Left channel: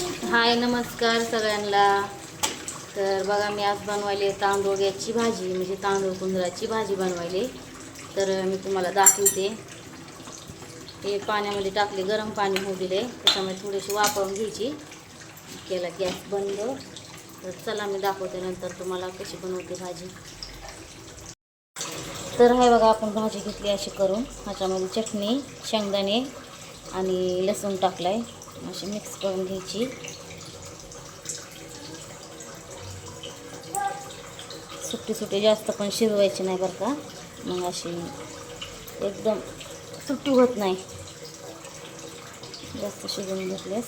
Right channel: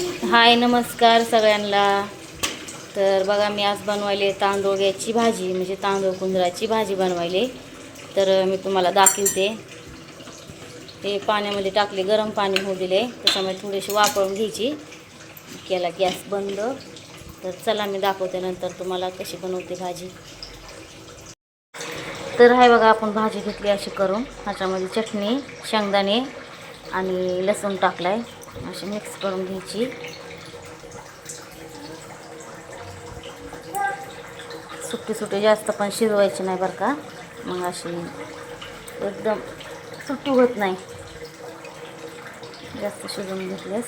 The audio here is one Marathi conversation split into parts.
हाय, नमस्कार सगळ्यांना. तर बघा, मी आज बनवायले तांदूळची भाजी, म्हणजे तांदूळ कुंदराची भाजी बनवायले. तर मी तुम्हाला दाखवते. ते पाण्यामध्ये टाकले, गरम पाणी होऊ दिले, त्याच्यामुळे थोडीशी वाफळून घ्यायची. केला गॅस बंद. तर चला मी दाखवते नंतर तुम्हाला कशी बनवते भाजी. तर आहे बघा, आपण भाजी घेतली अशी करून. ह्याच्यामध्ये चटणी, शेंगदाणे आणि लसूण टाकलाय. अशी मिक्स करून घ्यायची. सुट्टी सुट्टी जास्त पण शिजवायची नाही बरं का, मग अशी एकदम सुट्टी होत नाही जास्त शिजवून घेतल्यास.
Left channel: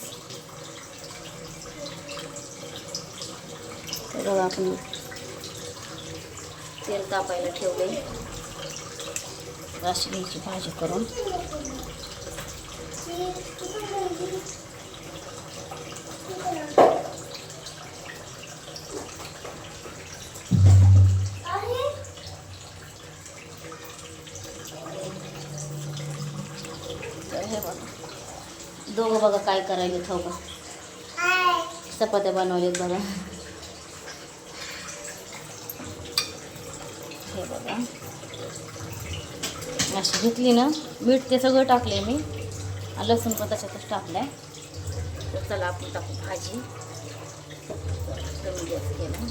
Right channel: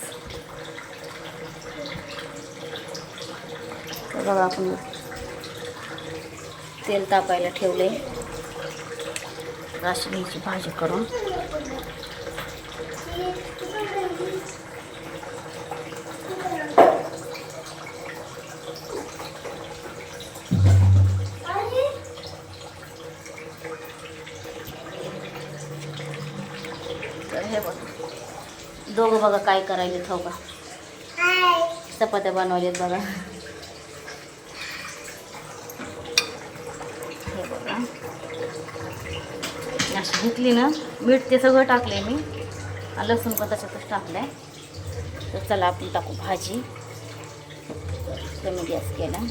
तर बघा, आपण तेल तापायला ठेवले. अशी घ्यायची भाजी करून. तर हे बघा, दोघं बघा काय करायले हो का, चपात्या बनवलेत बघा. हे बघा, अशी घेतली ना, मीठ ते सगळं टाकले मी, लसूण पण त्याच्यातच टाकलाय. तर चला आपण टाकू भाजी. कमी गॅस केला.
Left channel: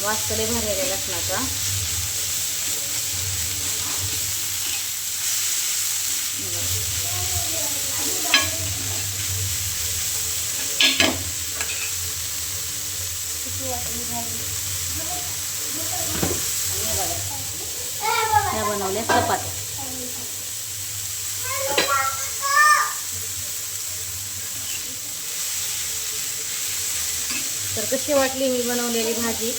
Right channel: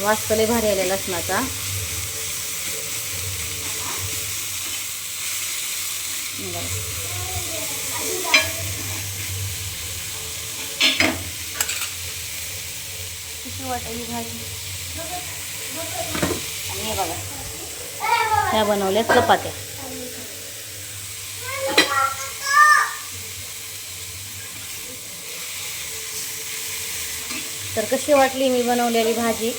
वास लय भारी आला लसणाचा. किती वाटली भाजी. आणि बघा, ह्या बनवल्या चपात्या. तर कशी वाटली मी बनवलेली भाजी.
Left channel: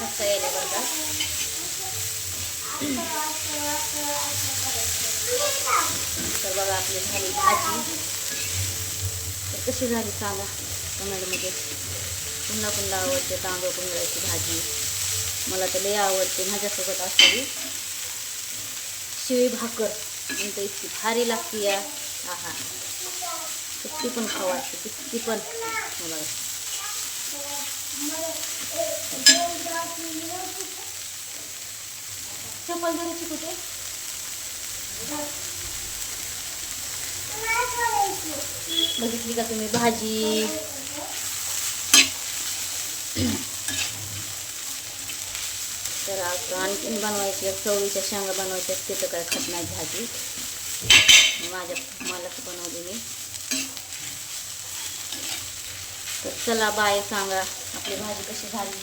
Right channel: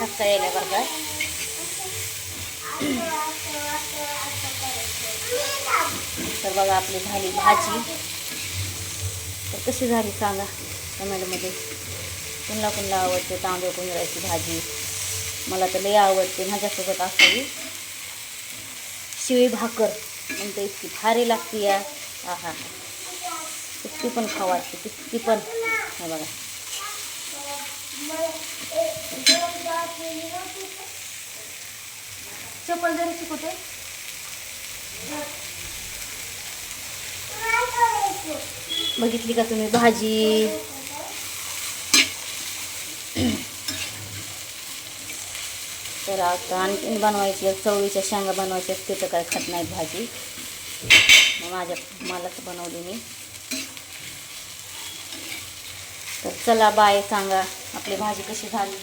ठसका यायला बरं का. तर बघा, आपली झाली भाजी. तर कशी झाली सांगा कमेंटमध्ये. पुन्हा पुन्हा आवडते तांदूळ कुंदराची भाजी. मला तर लई आवडते. माझ्यासोबत असावी शिळी भाकर, म्हणते इतकी भारी लागते या. आहा, किती पण खाऊ वाटते, किती पण. हे बघा, चप्पल द्यायची कुठे. बघितली का तुम्ही भाजी. तर आता आणखीन बनवायची, चवळीच्या शेंगा बनवायच्या, ते तर काय खात नाहीत भाजी. मलाच बनवली मी. तर चला बाय. सांगा आपली भाजी कशी झाली,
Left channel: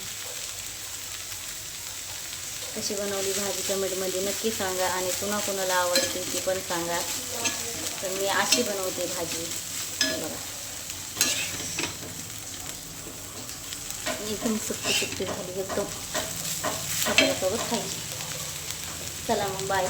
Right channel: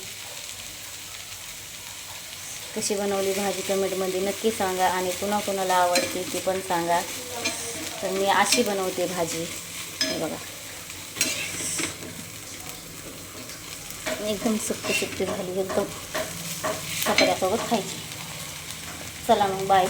कशी बनवली भाजी कमेंटमध्ये नक्की सांगा. आणि कुणा कुणाला आवडते ती पण सांगा. तर मी अशी बनवते भाजी. हे बघा, एकदम सुक्की सुक्की झाली, एकदम चपात्यासोबत खायची. चला मग बाय.